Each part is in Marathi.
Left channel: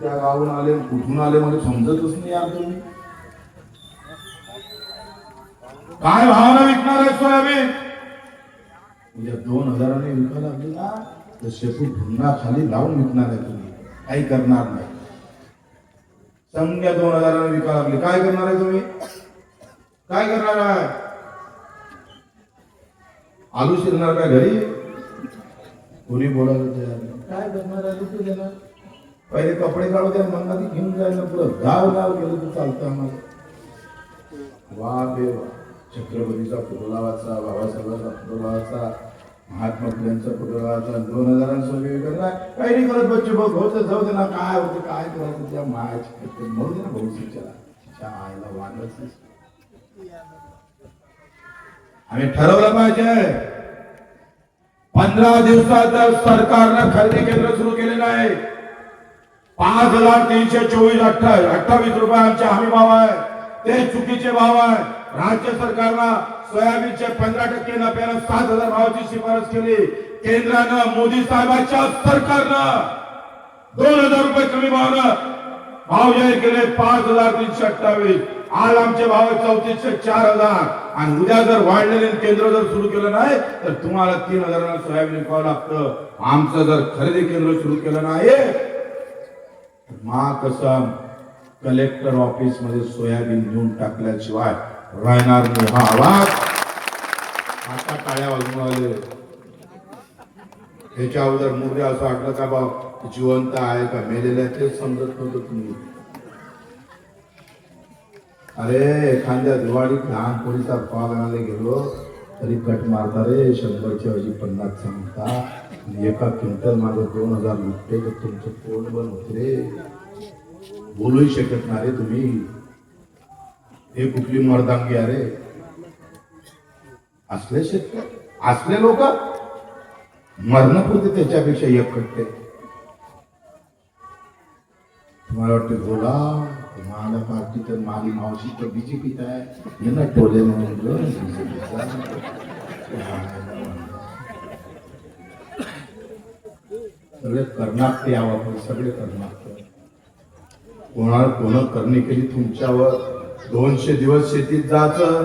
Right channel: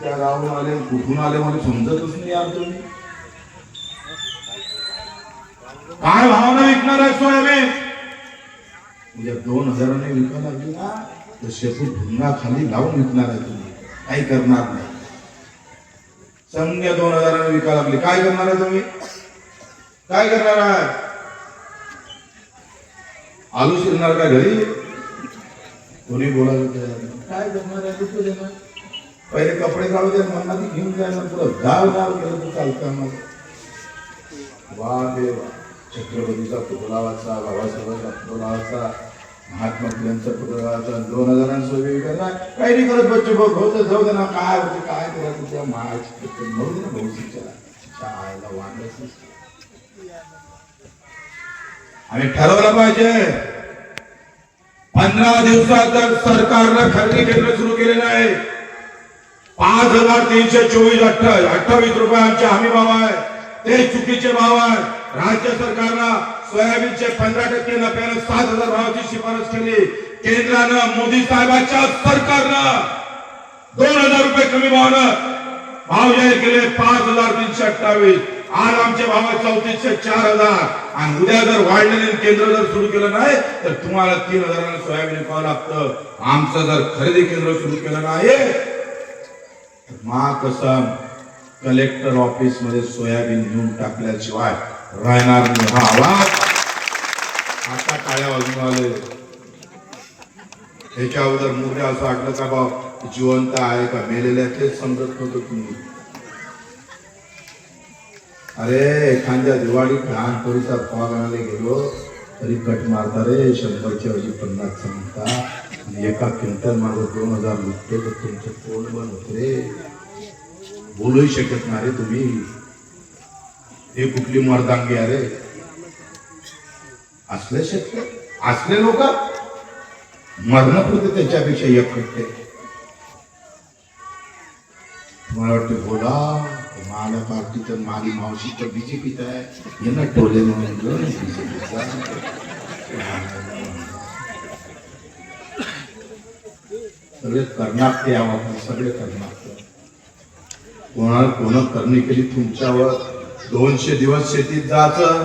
त्या गावून आले कुठून आले मला समजतच नाही यार. तुम्ही काय भावानं विकणार आहे सोयाबीन? म्हणजे 2000 विकायला लागली ना तर शेतू भुंगा खाली लावून विकणार आहे. तुम्ही काही करणार नाही. समजा 2000 विकायला लागली, काय करणार आहे तुम्ही? काय करणार आहे? आलू शिरणार का घरी? कोणी बोलायला काय करणार आहे? तू देणार पहिले कपडे काढू द्या, म्हणणार घेऊन जायला पुढं गाव गाव गेलं तर चालतं. वा देवा, छत्रपतीचा पुतळा वाचा, बाबासाहेबांचा पुतळा वाचा, महात्मा फुलेंचा पुतळा वाचा, 2000 काही नाही करत बच्चे बघ होतं जाऊ दे ना. काय होतं काय करायचं त्या महाराष्ट्र म्हणून दे ना भविष्याच्या आईला वाढायचं. आम्ही ठरवलं पाहिजे 15 दिवसात जर सरकारनं खरेदी केंद्र सुरू केले नाही 5324.28 रुपये आमचे हमी भाव आहे, ते चुकीचे भाव आहे. राज्य सरकारनं सोयाबीनचे 15% नफ्यानं 7000 भावाची शिफारस केली. केंद्रानं मोदी साहेबांच्या सरकारनं 2000 रुपये कमी भावानं भाव जाहीर केले 5328. आज आमचे भाव 3400-4000 आणि उद्या जर वाढलेले केंद्र जर सुरू केलं नाही तर तुम्हाला 3000 सोयाबीन विकावं लागतं. आमचं जर खरेदी केंद्र सुरू केलं नाही कसम कलेक्टर ऑफिस मध्ये सोयाबीन घेऊन टाकल्याशिवाय राहणार नाही. हा आवाज आता काळ्या वाजून त्याच्या अगोदर मुद्दे असं वाटलं का भाऊ जिवंत आहे का मेलेले तेच समजत नव्हतं तुम्ही. अरे एखाद्या दिवाळीत लहान पोरीचा पाव आणायला गेलो तरी कट मारता रे 100च्या ऐवजी 50 सांगता. आणि एका क्विंटल माझं 2000 निघते तर तुमचं पोट बंद होत रे. बोलूही शकत नाही रे तुम्ही. हे कुठली मर्दांगी अरे. असले शेतकरी असले लोक मरण पुरते त्याच्यापेक्षा एक पटते. तुम्हाला वाटतं बोला माझ्या पार्टीचं माझी मावशी तर बीजेपीत आहे हे ना टोले म्हणून सगळे करणार ते आवाज सगळे करणार. कोणाला कोण करणे केली तुमच्यावर 200 दिवस शेतीत जायचं,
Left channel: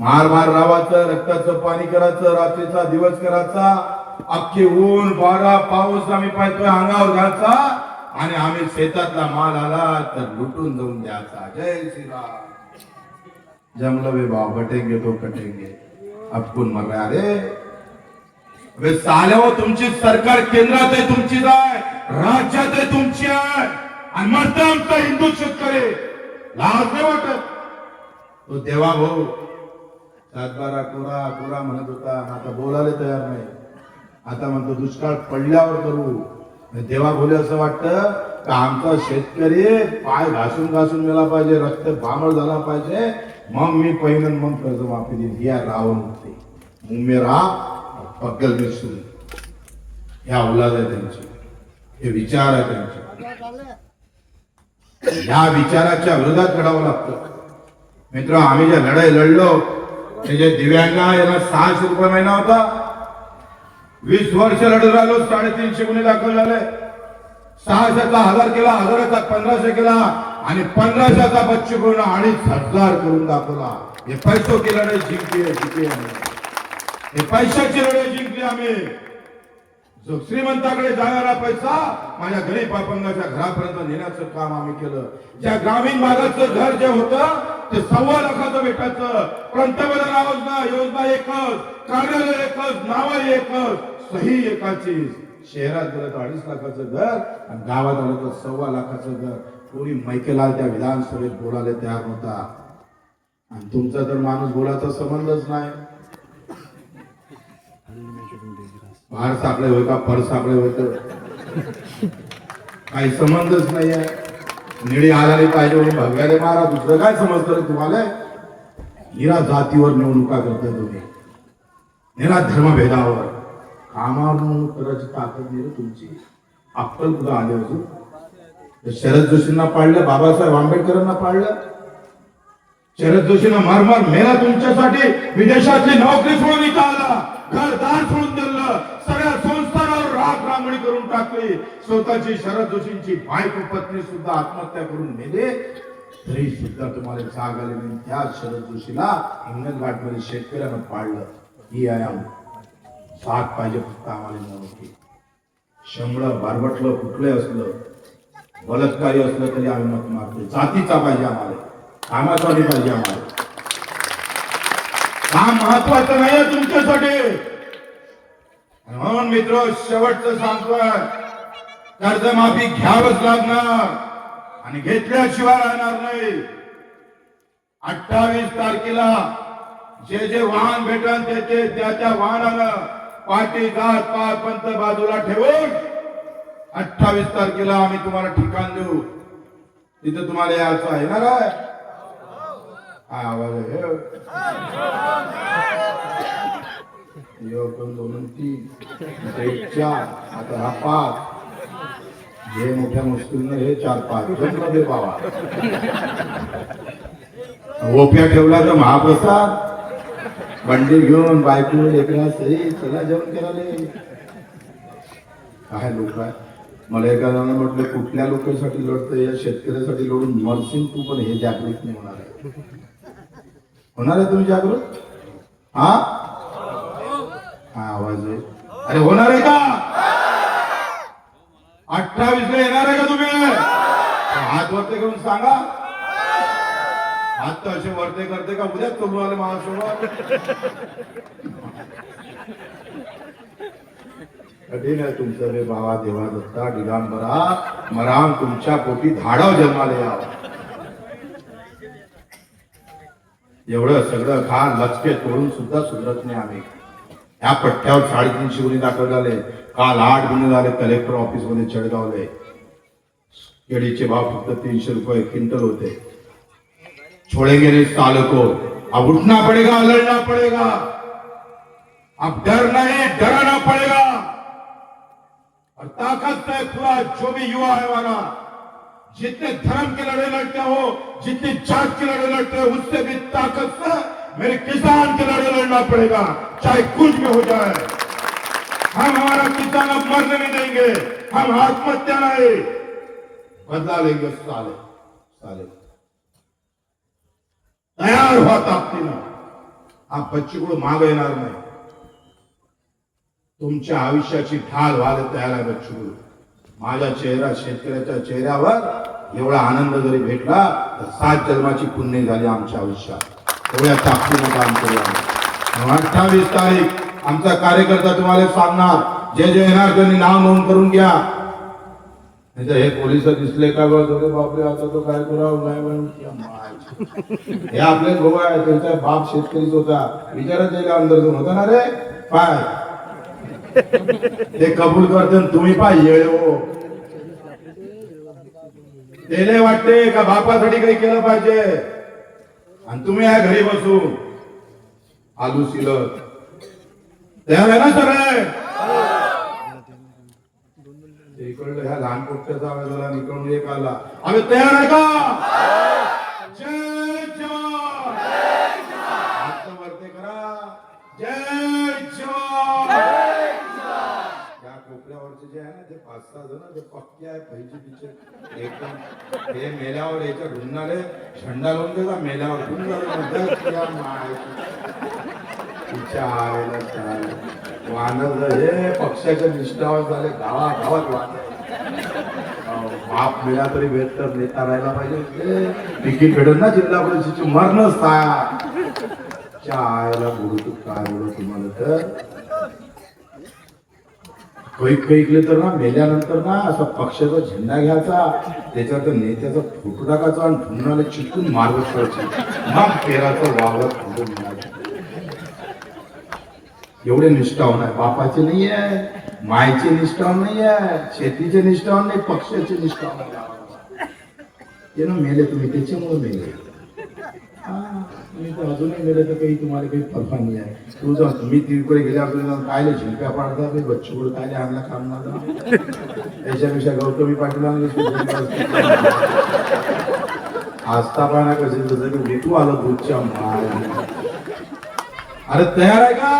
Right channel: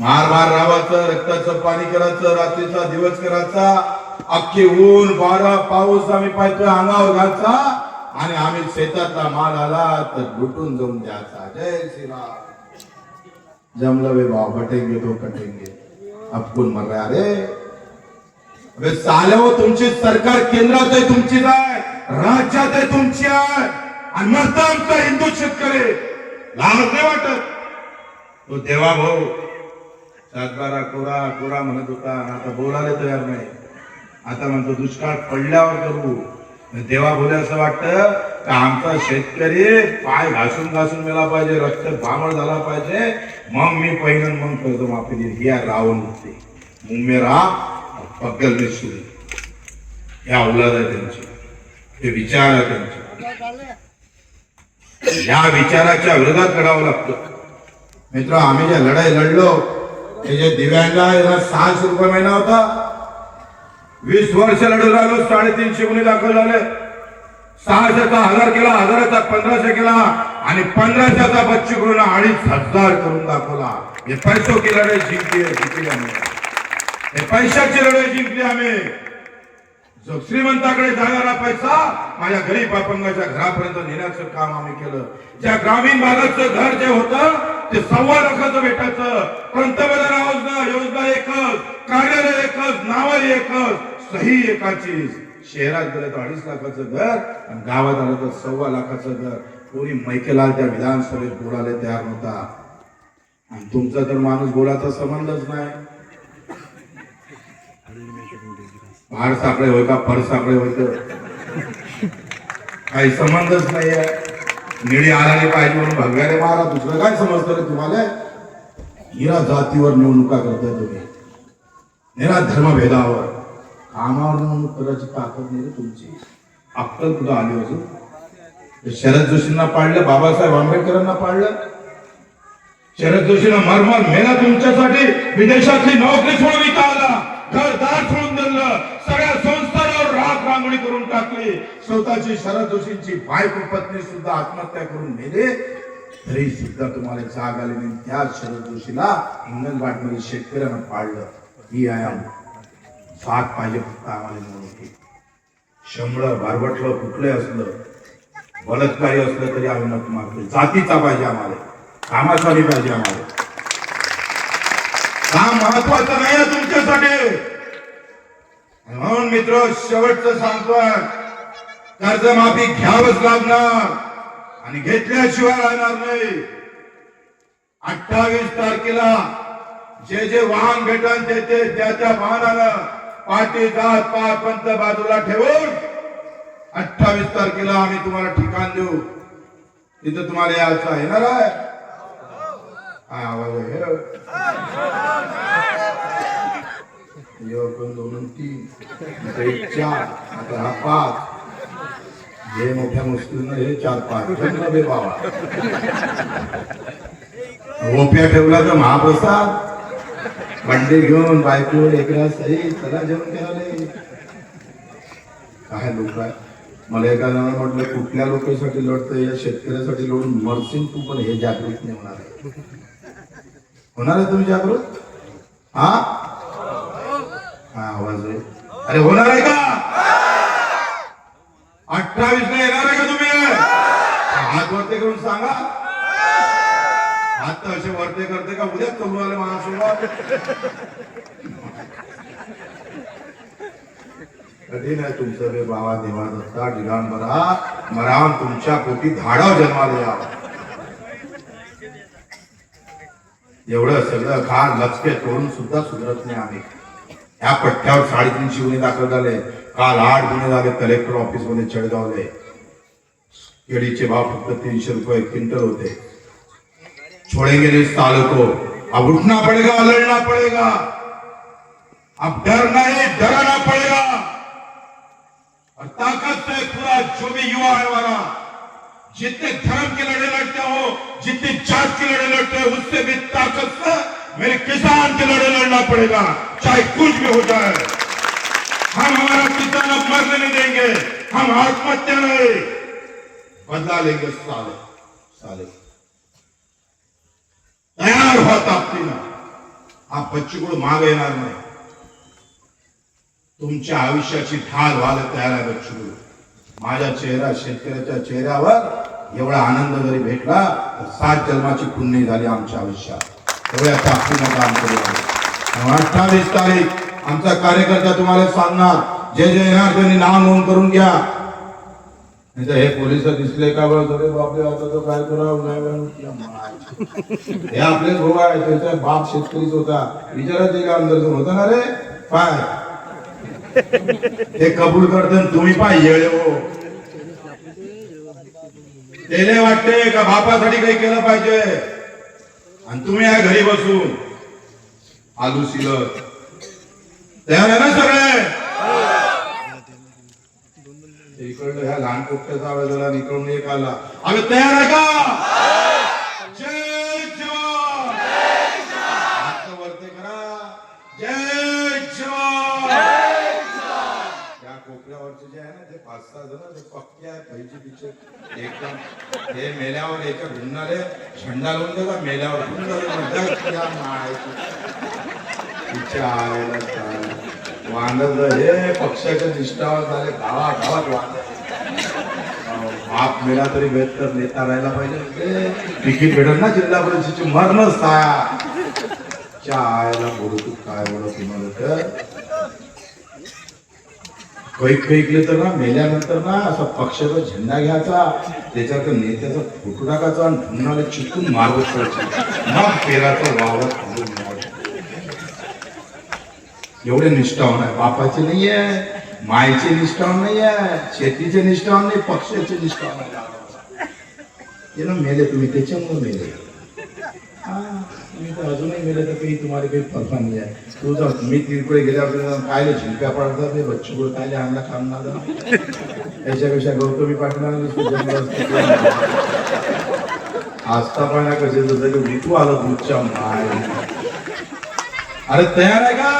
मार मार राहायचं, रक्ताचं पाणी करायचं, रात्रीचा दिवस करायचा, अख्खे ऊन वारा पाऊस आम्ही पाहिजे अंगावर घालचा आणि आम्ही शेतातला माल आला तर लुटून जाऊन द्यायचा. जय श्रीराम. जमलं वे भाव बटेंगे तो कटेंगे अपकून मग अरे साल्यावर तुमची सरकार केंद्रात आहे, तुमची आहे, राज्यात आहे, तुमची आहे आणि मरता आमचा हिंदू शेतकरी लाज नाही वाटत. तो देवा भाऊ 7-12 कोरा कोरा म्हणत होता आणि आता बोलायला तयार नाही. आता म्हणतो दुष्काळ पडल्यावर करू. देवा बोले असं वाटतं का आमचा शेतकरी पाय घासून घासून मेला पाहिजे, रक्त भामळ झाला पाहिजे, मग मी पहिलं मग कर्जमाफी देईन. या रावण होते मुंबेरा पगल में सुनी या औलाद आहे त्यांची, हे विचार आहे त्यांचे. या विचाराच्या विरोधात लढावं लागतं. मित्र आम्ही ज्या लढाई लढलो ते जे दिव्यांग यांना 600 रुपये महिना होता, 20 वर्ष लढत राहिलो, 350 गुन्हे दाखल झाले. 600चा 1000 केला, 1000चा 1500 केला आणि 1500चा बच्चू करून 2500 करून दाखवला. हे पैसो की लढाई जिंकली आम्ही. हे पैशाची लढाई जिंकली आम्ही. जो श्रीमंताकडे जाणारा पैसा माझ्या गरीब अपंगाच्या घरापर्यंत नेण्याचं काम आम्ही केलं. ज्या ग्रामीण भागाचं घर जे होतं ते 1.25 लाखाचं भेटायचं. पंतप्रधान योजना एकच, कार्यालय एकच, नाव एकच, सही एकाची. शहरात गेलं तर 2.5 लाखाचं घर आणि गावात आलं तर 1.25 लाखाचं घर. कोणी मैकेलाल त्या विधानसभेत बोलायला तयार नव्हता. आणि तुमचा तर माणूस बोलायचा संबंधच नाही. फार साकडे होय का फर साकडे होत काही संबंधच नाही आहे. निळी आलाली पाहिजे म्हणून भगव्याने मारा. दुसरं काय समजतं रे तुम्हाला? हिरा जातीवर निवडणुका करताय तुम्ही, निरा धर्मभेदावर. कामावर म्हणून करायची ताकद नाही तुमची. अक्कल कुठं आली अजून? शरद जोशींना पाडलं, बाबासाहेब आंबेडकरांना पाडलं. शरद जोशींना मार मार मेला तुमच्यासाठी. विदेशातली नोकरी सोडून इथं आला, घरदार सोडून दिलं, सगळ्या संस्थांवर राग रांग चुंगली करून टाकली, स्वतःची शरद जोशींची बायको पत्नी सुद्धा आत्महत्या करून मेले, तरी सुद्धा तुम्हाला जाग आली नाही. त्या शरद जोशीला हिंगणघाटमध्ये शेतकऱ्यानं पाडलं. ही आहे साथ पाहिजे फक्त आम्हाला नव्हती. शंभर बारबटलं कुठले असलं, बलात्कारी असलं तरी आम्ही मत मारतो. जातीचा पाहिजे आम्हाला, कामाचा नाही पाहिजे आम्हाला. काम महत्वाचं नाही तुमच्यासाठी. म्हणून मित्र शेवटचं सांगतोय, कर्जमाफी घ्यावंच लागणार आणि घेतल्याशिवाय राहणार नाही. 28 तारखेला जे जे वाहन भेटन ते त्याच्या वाहनानं पाठी जात पात पंत बाजूला ठेवून 28 तारखेला आम्ही तुम्हाला ठिकाण देऊ. तिथे तुम्हाला यायचं आहे ना रे? आवाज दोन तीन एक चार आता हा 5 जे मोठ्या मुश्किलनं हे 4-5 मध्ये बाबा ओप्या ठेवला तर महाप्रसाद बंडे घेऊन बायको लेकरा सही चला जेवण करायला. काय लोक मला एखाद्यानं म्हटलं कुठल्या लोकांसाठी लढतंय, या शेतकऱ्यासाठी लढून मरशील तू, पण हे जागृत नाही होणार आहे. होणार आहे तुम्ही जागृत? हा आवाज आहे. अरे होणार आहे का? 28 ला येणार आहे का तुम्ही? हात वरते करून सांगा. हात तर असे वरते करते का उद्या तुम्ही आले महाराष्ट्राला? कठीण आहे तुमचं रे बाबा. देवा दत्ता ठिकाण बरा मराम तुमच्या पोटी धाडा जन्माला या. एवढं सगळं घाण लचके तोडून सुद्धा सुधरत नाही आम्ही. या पट्ट्यावर 350 गुन्हे दाखल झाले. काल 8 गुन्हे झाले कलेक्टर ऑफिस मध्ये चढगावले. केळीचे भाव फक्त 300 रुपये क्विंटल होते. छोड़ेंगे नहीं इस साल को. अब उठना पड़ेगा, लड़ना पड़ेगा. अब डर नहीं डराना पड़ेगा. और ताकत से पूरा जो भी युवा है हमारा, जितने धर्म के लड़े लड़ते हो, जितनी जात के लड़े लड़ते हो, उससे भी ताकत से मेरे किसान के लड़े लड़ना पड़ेगा, चाहे कुछ भी हो जाए. हम हमारा किसान अब मरने नहीं देंगे. हम आत्महत्या नहीं, बदला लेंगे. साले तयार हुआ ताकदीनं. आप बच्चू माग येणार नाही. तुमच्या आयुष्याची ढाल व्हायला तयार आहे बच्चू. माझा चेहरा शेतकऱ्याच्या चेहऱ्यावर एवढा आनंद जरी भेटला तर 7 जन्माची पुण्य झाली आमच्या आयुष्यात. एवढ्या ताकदीनं काम करूया. 28 तारीख आमचा कार्यकर्ता तुम्हाला सांगणार. जे जे येणार त्यांनी नाव नोंद करून घ्या. नाही तर हे पोलिस दिसले का बरं बापरे आता तो काय करावं. हे आपले भाऊ आहे, त्यांचा बाप शेतकरीच होता. विचारत त्याला अंदर होता ना रे काय ते कबूल करतो. तुम्ही पाहिजे हो त्याने वाटते का बापासाठी काही केलं पाहिजे आणि तुम्ही या घरी बसून आलू सिलत तयार आहे ना सगळे? इकडं ह्या लहान पोट्याचा आवाज आला, इकडून एक आला. आम्ही तयार आहे का? जय जवान. हात वरती करा. जय जवान. या कोपऱ्यावरचे जे आहे ना ते 5-6 जण ते पक्के आहे पहिली पिक्चर एकदम. ते मेल्यावर याच्या गुन्हाले झेंडा लावून देता मेल्यावर वांडत हे पक्षाच्या निष्ठावर झाले. गावागावात वांड बाप मेला तरी बेहतर नेता राहायला पाहिजे. तिकीट भेटत ना जिल्हा परिषदेची मरणच चायला बोलू तू काय बोलत तुम्हाला तर कैकले तर ना मेल्यानंतर ना असा पक्षाचा झेंडा घ्यायचा, त्याच्यात नेत्याचा फोटो टाकायचा आणि धुनाला चिटकून मार्ग सोडायची. मग पेराचा वावर थांबून मिळायचा. एवढे निष्ठावान आहे. बापाचे नाही आहे, मायचे निष्ठावान नाही आहे, शेतीचे निष्ठावान नाही, पक्षाचे निष्ठावान आहे. मेले तुम्ही त्याच्यामुळे मेले. मी तर अजूनही मेले तर काही तुम्हाला काही फरका नाही आहे. तू जर मी तिकडे गेल्यावर कायले झिंक्या पडतात ते बच्चू कायले आणला खाणार याच्यापेक्षा गौतमी पाटला आस्थापना कसे जसं की ऋतू आलो दूधच्या माय. अरे तयार आहे का?